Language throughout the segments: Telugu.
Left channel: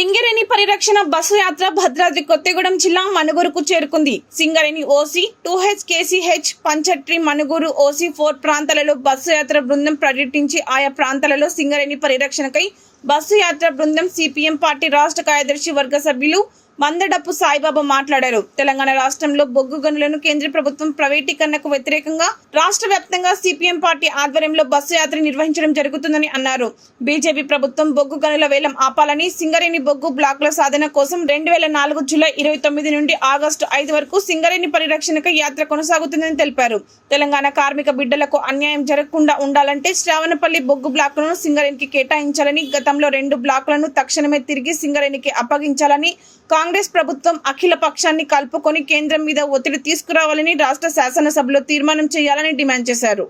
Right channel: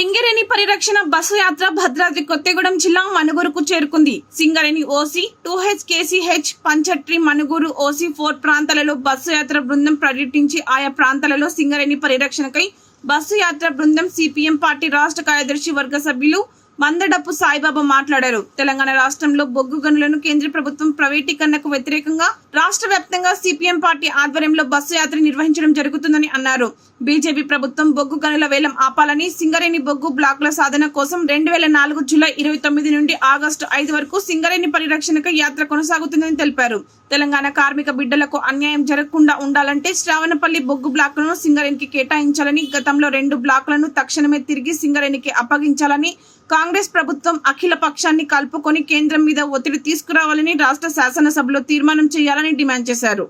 సింగరేణి పరిరక్షణ బస్సు యాత్ర భద్రాద్రి కొత్తగూడెం జిల్లా మనుగురుకు చేరుకుంది. Singareni OC two H KCH పంచట్రి Manuguru OC four ప్రాంతాలలో బస్సు యాత్ర బృందం పర్యటించి ఆయా ప్రాంతాలలో సింగరేణి పరిరక్షణకై బస్సు యాత్ర బృందం సిపిఎం పార్టీ రాష్ట్ర కార్యదర్శి వర్గ సభ్యులు మందడప్పు సాయిబాబా మాట్లాడారు. తెలంగాణ రాష్ట్రంలో బొగ్గు గనులను కేంద్ర ప్రభుత్వం ప్రైవేటీకరణకు వ్యతిరేకంగా రాష్ట్ర వ్యాప్తంగా సిపిఎం పార్టీ ఆధ్వర్యంలో బస్సు యాత్ర నిర్వహించడం జరుగుతుందని అన్నారు. బీజేపీ ప్రభుత్వం బొగ్గు గనుల వేలం ఆపాలని సింగరేణి బొగ్గు బ్లాకుల సాధన కోసం రెండు వేల నాలుగు జూలై ఇరవై తొమ్మిది నుండి ఆగస్టు ఐదు వరకు సింగరేణి పరిరక్షణకు యాత్ర కొనసాగుతుందని తెలిపారు. తెలంగాణ కార్మిక బిడ్డలకు అన్యాయం జరగకుండా ఉండాలంటే శ్రావణపల్లి బొగ్గు బ్లాకులను సింగరేణికి కేటాయించాలని గతంలో రెండు బ్లాకులను తక్షణమే తిరిగి సింగరేణికి అప్పగించాలని కాంగ్రెస్ కాంగ్రెస్ ప్రభుత్వం అఖిల పక్షాన్ని కలుపుకొని కేంద్రం మీద ఒత్తిడి తీసుకురావాలని రాష్ట్ర శాసనసభలో తీర్మానం చేయాలని డిమాండ్ చేశారు.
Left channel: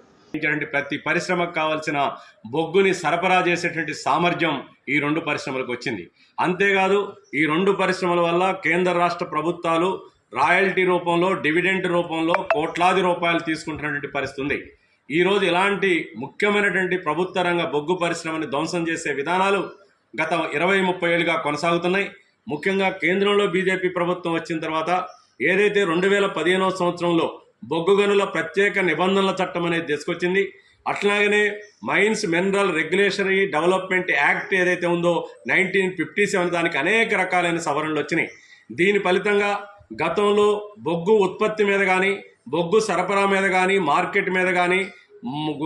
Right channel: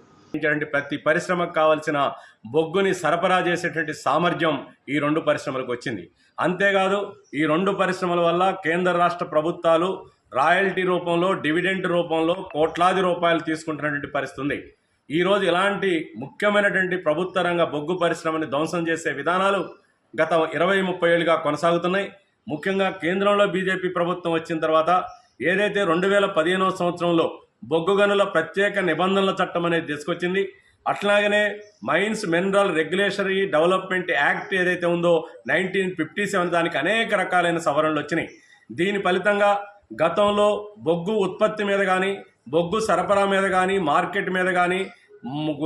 ప్రతి పరిశ్రమకు కావాల్సిన బొగ్గుని సరఫరా చేసేటువంటి సామర్థ్యం ఈ రెండు పరిశ్రమలకు వచ్చింది. అంతేకాదు ఈ రెండు పరిశ్రమల వల్ల కేంద్ర రాష్ట్ర ప్రభుత్వాలు రాయల్టీ రూపంలో డివిడెంట్ రూపంలో కోట్లాది రూపాయలు తీసుకుంటున్నటువంటి పరిస్థితి ఉంది. ఈరోజు ఇలాంటి ముఖ్యమైనటువంటి ప్రభుత్వ రంగ బొగ్గు పరిశ్రమని ధ్వంసం చేసే విధానాలు గత ఇరవై ముప్పై ఏళ్ళుగా కొనసాగుతున్నాయి. ముఖ్యంగా కేంద్రంలో బీజేపీ ప్రభుత్వం వచ్చిన తర్వాత ఏదైతే రెండు వేల పదిహేనవ సంవత్సరంలో బొగ్గు గనుల ప్రత్యేక నిబంధనల చట్టం అనేది తీసుకొచ్చింది అట్లాగనే mines mineral regulationary development act ఏదైతే ఉందో నైన్టీన్ ఫిఫ్టీ సెవెన్ దానికి అనేక రకాలైన సవరణలు వచ్చినాయి. దీని ఫలితంగా గతంలో బొగ్గు ఉత్పత్తి మీద కానీ బొగ్గు సరఫరా మీద కానీ మార్కెట్ మీద కానీ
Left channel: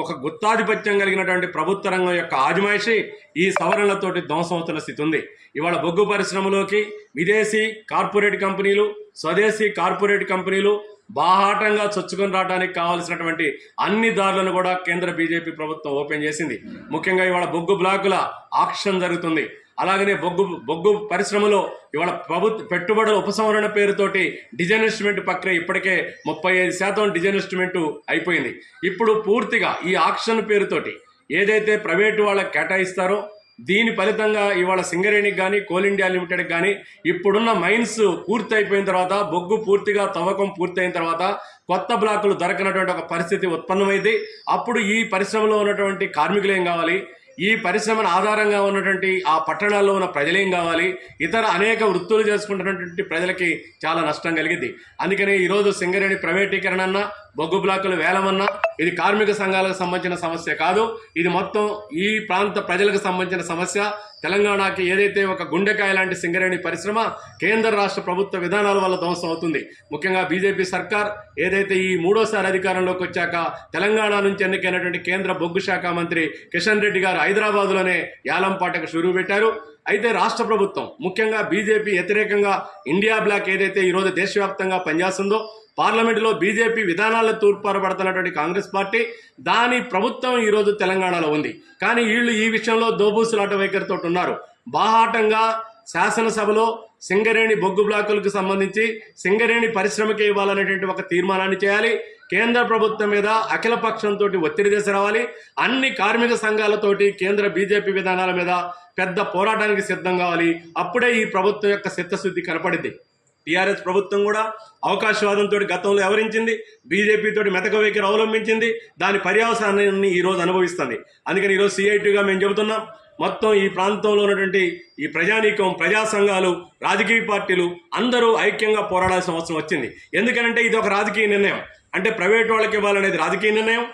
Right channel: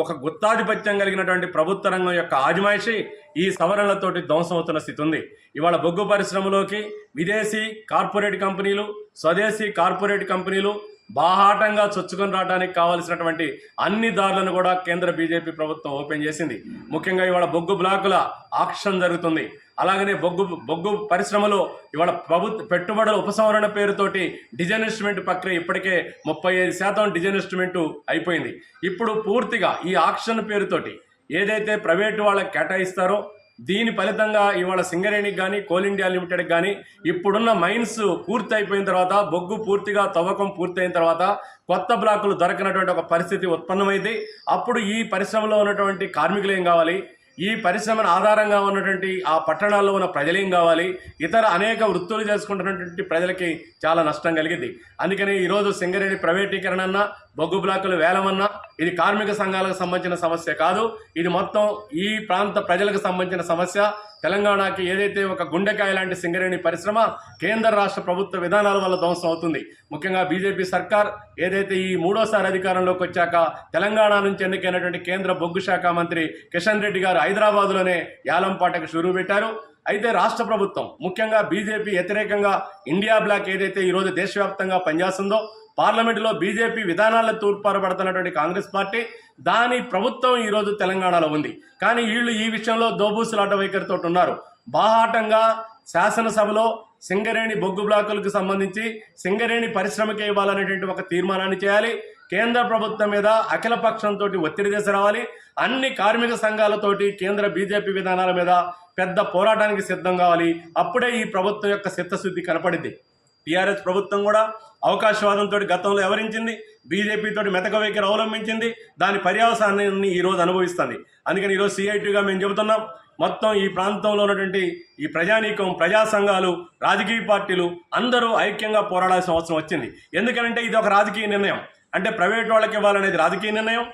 ఒక గుత్తాధిపత్యం కలిగినటువంటి ప్రభుత్వ రంగం యొక్క ఆజమాయిషి ఈ సవరణలతోటి ధ్వంసమవుతున్న స్థితి ఉంది. ఇవాళ బొగ్గు పరిశ్రమలోకి విదేశీ కార్పొరేట్ కంపెనీలు స్వదేశీ కార్పొరేట్ కంపెనీలు బాహాటంగా చొచ్చుకొని రావడానికి కావాల్సినటువంటి అన్ని దారులను కూడా కేంద్ర బీజేపీ ప్రభుత్వం ఓపెన్ చేసింది. ముఖ్యంగా ఇవాళ బొగ్గు బ్లాకుల ఆక్షన్ జరుగుతుంది. అలాగనే బొగ్గు బొగ్గు పరిశ్రమలో ఇవాళ ప్రభుత్వ పెట్టుబడుల ఉపసంహరణ పేరుతోటి డిజైన్ ఇన్స్ట్రుమెంట్ ప్రక్రియ ఇప్పటికే ముప్పై ఐదు శాతం డిజైన్ ఇన్స్ట్రుమెంట్ అయిపోయింది. ఇప్పుడు పూర్తిగా ఈ ఆక్షన్ పేరుతోటి ఏదైతే ప్రైవేటు వాళ్ళకి కేటాయిస్తారో దీని ఫలితంగా ఇవాళ సింగరేణికి కానీ కోల్ ఇండియా లిమిటెడ్కి కానీ ఇప్పుడున్న మైన్స్ పూర్తి అయిపోయిన తర్వాత బొగ్గు పూర్తిగా తవ్వకం పూర్తయిన తర్వాత కొత్త బ్లాకులు దొరకనటువంటి ఒక పరిస్థితి ఉత్పన్నమైంది. అప్పుడు ఈ పరిశ్రమలో ఉన్నటువంటి కార్మికులు ఏం కావాలి? ఈ పరిశ్రమను ఆధారంగా ఉన్నటువంటి ఆ పట్టణాల్లో ఉన్న ప్రజలేం కావాలి? ఇతర అనేక వృత్తులు చేసుకుంటున్నటువంటి ప్రజలకి చాలా నష్టం కలిగింది. అందుకని ఈరోజు సింగరేణి ప్రైవేటీకరణ అన్నా బొగ్గు బ్లాకులు వేలమన్నా ఇది కార్మిక సంఘాలకు సంబంధించిన సమస్య కాదు. ఇది మొత్తం ఈ ప్రాంత ప్రజలకు సంబంధించిన సమస్య. తెలంగాణకి ఏదైతే ఒక గుండెకాయ లాంటి సింగరేణి పరిశ్రమ కేంద్ర రాష్ట్ర ప్రభుత్వ విధానాల వల్ల ధ్వంసం అవుతుంది. ముఖ్యంగా బీజేపీ సర్కార్ ఏదైతే ఈ మూడోసారి అధికారంలోకి వచ్చాక తెలంగాణ నుంచి ఎన్నికైనటువంటి కేంద్ర బొగ్గు శాఖ మంత్రి కిషన్ రెడ్డి గారు హైదరాబాద్లోనే యాలంపాటకు షురూ పెట్టారు. అయితే రాష్ట్ర ప్రభుత్వం ముఖ్యంగా బీజేపీ వ్యతిరేకంగా ఇండియా బ్లాక్ ఏదైతే ఈరోజు దేశవ్యాప్తంగా పనిచేస్తుందో పార్లమెంటులో బీజేపీ విధానాలను తూర్పారపడుతున్నటువంటి కాంగ్రెస్ పార్టీ దాని ప్రభుత్వం ఈరోజు తెలంగాణలో ఉంది. కానీ వీళ్ళు ఈ విషయంలో దోబూసులాట వైఖరితో ఉన్నారు. బాహాటంగా శాసనసభలో సింగరేణి బొగ్గు బ్లాకులకు సంబంధించి సింగరేణి పరిశ్రమకి ఇవ్వాలనేటువంటి ఒక తీర్మానాన్ని చేయాలి. కేంద్ర ప్రభుత్వం మీద అఖిల పక్షంతో ఒత్తిడి తీసుకురావాలి అన్ని కార్మిక సంఘాలతోటి కేంద్ర బీజేపీ విధానాల మీద పెద్ద పోరాటానికి సిద్ధం కావాలి. అప్పుడే ఈ ప్రభుత్వం యొక్క చిత్తశుద్ధి కనపడింది టీఆర్ఎస్ ప్రభుత్వం కూడా అవకాశవాదంతో గతంలో ఎవరించింది? బీజేపీతో మెతక వైఖరి అవలంబించింది. దాని పర్యావసానాన్ని ఈరోజు అనుభవిస్తుంది. అందుకని ఈరోజు సిఐటీగా మేము చెబుతున్నాం. మొత్తం ఈ ప్రాంతంలో ఉన్నటువంటి ఈ ప్రజానీకం ప్రజా సంఘాలు రాజకీయ పార్టీలు అందరూ ఐక్యంగా పోరాడాల్సిన అవసరం వచ్చింది. ఎందుకనంటే ఇది ఒక రాజకీయ నిర్ణయం. అంటే ప్రైవేట్ వాళ్ళకి ఇవ్వాలనేది రాజకీయ నిర్ణయం.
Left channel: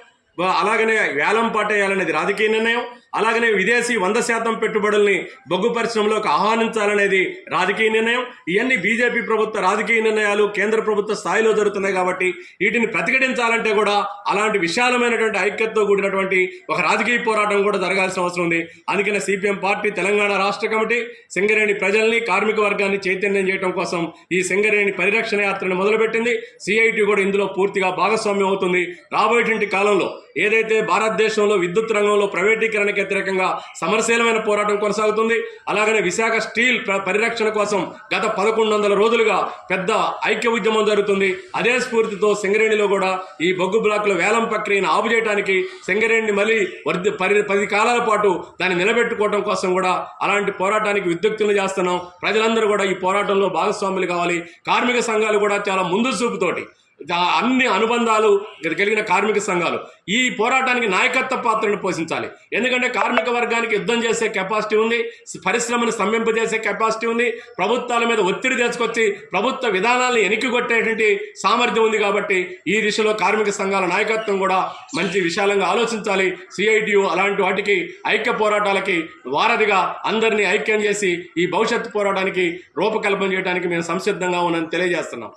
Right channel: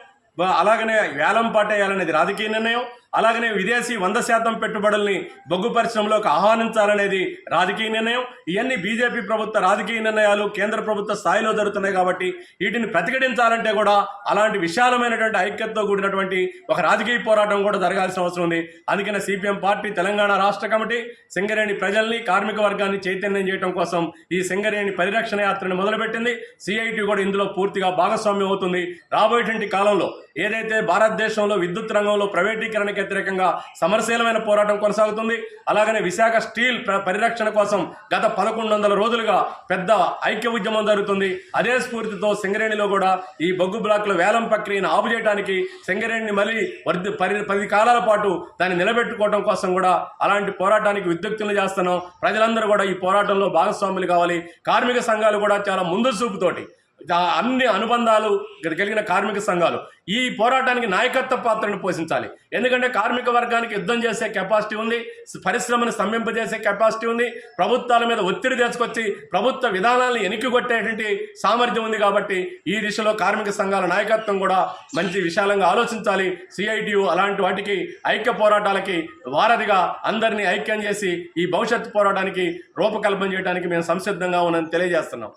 అలాగనే వేలం పాటేయాలనేది రాజకీయ నిర్ణయం. అలాగనే విదేశీ వంద శాతం పెట్టుబడుల్ని బొగ్గు పరిశ్రమలోకి ఆహ్వానించాలనేది రాజకీయ నిర్ణయం. ఇవన్నీ బీజేపీ ప్రభుత్వ రాజకీయ నిర్ణయాలు కేంద్ర ప్రభుత్వ స్థాయిలో జరుగుతున్నాయి కాబట్టి వీటిని ప్రతిఘటించాలంటే కూడా అలాంటి విశాలమైనటువంటి ఐక్యతతో కూడినటువంటి ఒక రాజకీయ పోరాటం కూడా జరగాల్సిన అవసరం ఉంది. అందుకనే సిపిఎం పార్టీ తెలంగాణ రాష్ట్ర కమిటీ సింగరేణి ప్రజల్ని కార్మిక వర్గాన్ని చైతన్యం చేయడం కోసం ఈ సింగరేణి పరిరక్షణ యాత్రను మొదలుపెట్టింది. సిఐటి కూడా ఇందులో పూర్తిగా భాగస్వామ్యం అవుతుంది. రాబోయేటువంటి కాలంలో ఏదైతే భారతదేశంలో విద్యుత్ రంగంలో ప్రైవేటీకరణకు వ్యతిరేకంగా సమరశీలమైన పోరాటం కొనసాగుతుంది అలాగనే విశాఖ స్టీల్ పరిరక్షణ కోసం గత పదకొండు వందల రోజులుగా పెద్ద ఐక్య ఉద్యమం జరుగుతుంది. అదే స్ఫూర్తితో సింగరేణిలో కూడా ఈ బొగ్గు బ్లాక్ల వేలం ప్రక్రియను ఆపు చేయడానికి సింగరేణిని మళ్ళీ వర్ధి పరి పది కాలాల పాటు దాన్ని నిలబెట్టుకోవడం కోసం కూడా అలాంటి పోరాటానికి విద్యుక్తులు చేస్తున్నాం. ప్రజలందరూ కూడా ఈ పోరాటంలో భాగస్వాములు కావాలి. కార్మిక సంఘాలు కూడా చాలా ముందు చూపుతోటి అన్ని అనుబంధాలు కలిగిన కార్మిక సంఘాలు. ఈ పోరాటానికి నాయకత్వ పాత్రను పోషించాలి. ఎందుకంటే కార్మిక వర్గానికి యుద్ధం చేసే కెపాసిటీ ఉంది పరిశ్రమను స్తంభింపజేసే కెపాసిటీ ఉంది ప్రభుత్వాల మీద ఒత్తిడి తీసుకొచ్చి ప్రభుత్వ విధానాలను ఎనికిగొట్టేటువంటి సామర్థ్యం ఉంది కాబట్టి ఈ దిశలో కార్మిక సంఘాల నాయకత్వం కూడా మంచి విశాలంగా ఆలోచించాలి. సిఐటియు అలాంటి వాటికి ఐక్య పోరాటాలకి వారధిగా అందరినీ ఐక్యం చేసి ఈ భవిష్యత్తు పోరాటానికి రూపకల్పన చేయడానికి మేము సంసిద్ధంగా ఉన్నామని తెలియజేస్తున్నాం.